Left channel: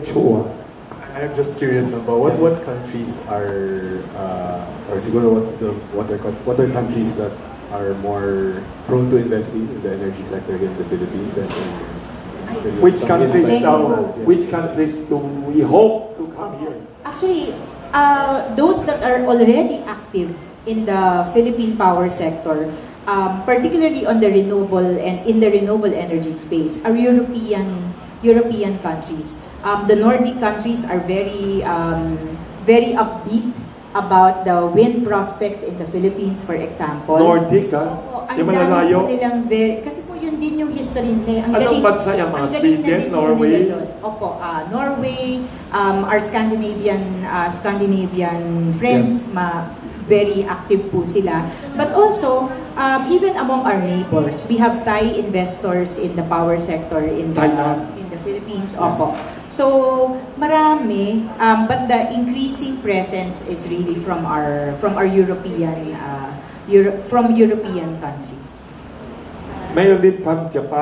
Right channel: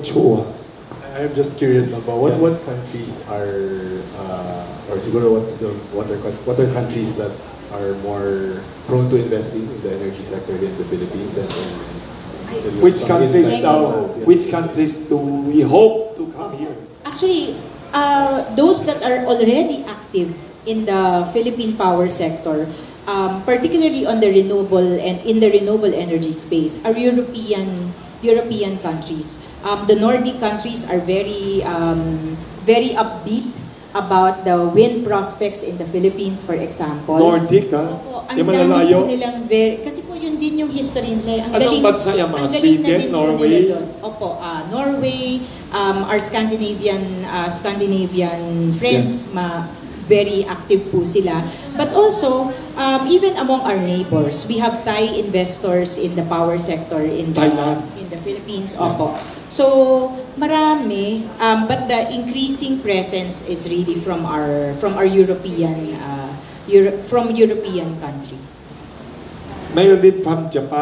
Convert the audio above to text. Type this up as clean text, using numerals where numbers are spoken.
Chua. I'm just curious about what countries are or siguro what are countries that are more prone to investing in the energy sector here in the Philippines and Which some countries insights now? on that, yeah. Which countries do we hope to come here? Actually, those that are already active in the Philippine power sector, particularly on the renewable and in the renewable energy space, are European countries. The Nordic countries are very upbeat about the wind prospects in the Philippines, for example. Nordic, ha? Ang dami po nilang kasi po yun din yung history nila. Ang Anong bansa yan? Mga Sweden, Norway? Opo, Norway, our Scandinavian friends, very active po sila. But also, even among our neighbors, we have Thai investors in the power sector in the Philippines. Yes. Opo. So, marami, but the increasing presence is really from our European countries. Mayroon din from Japan.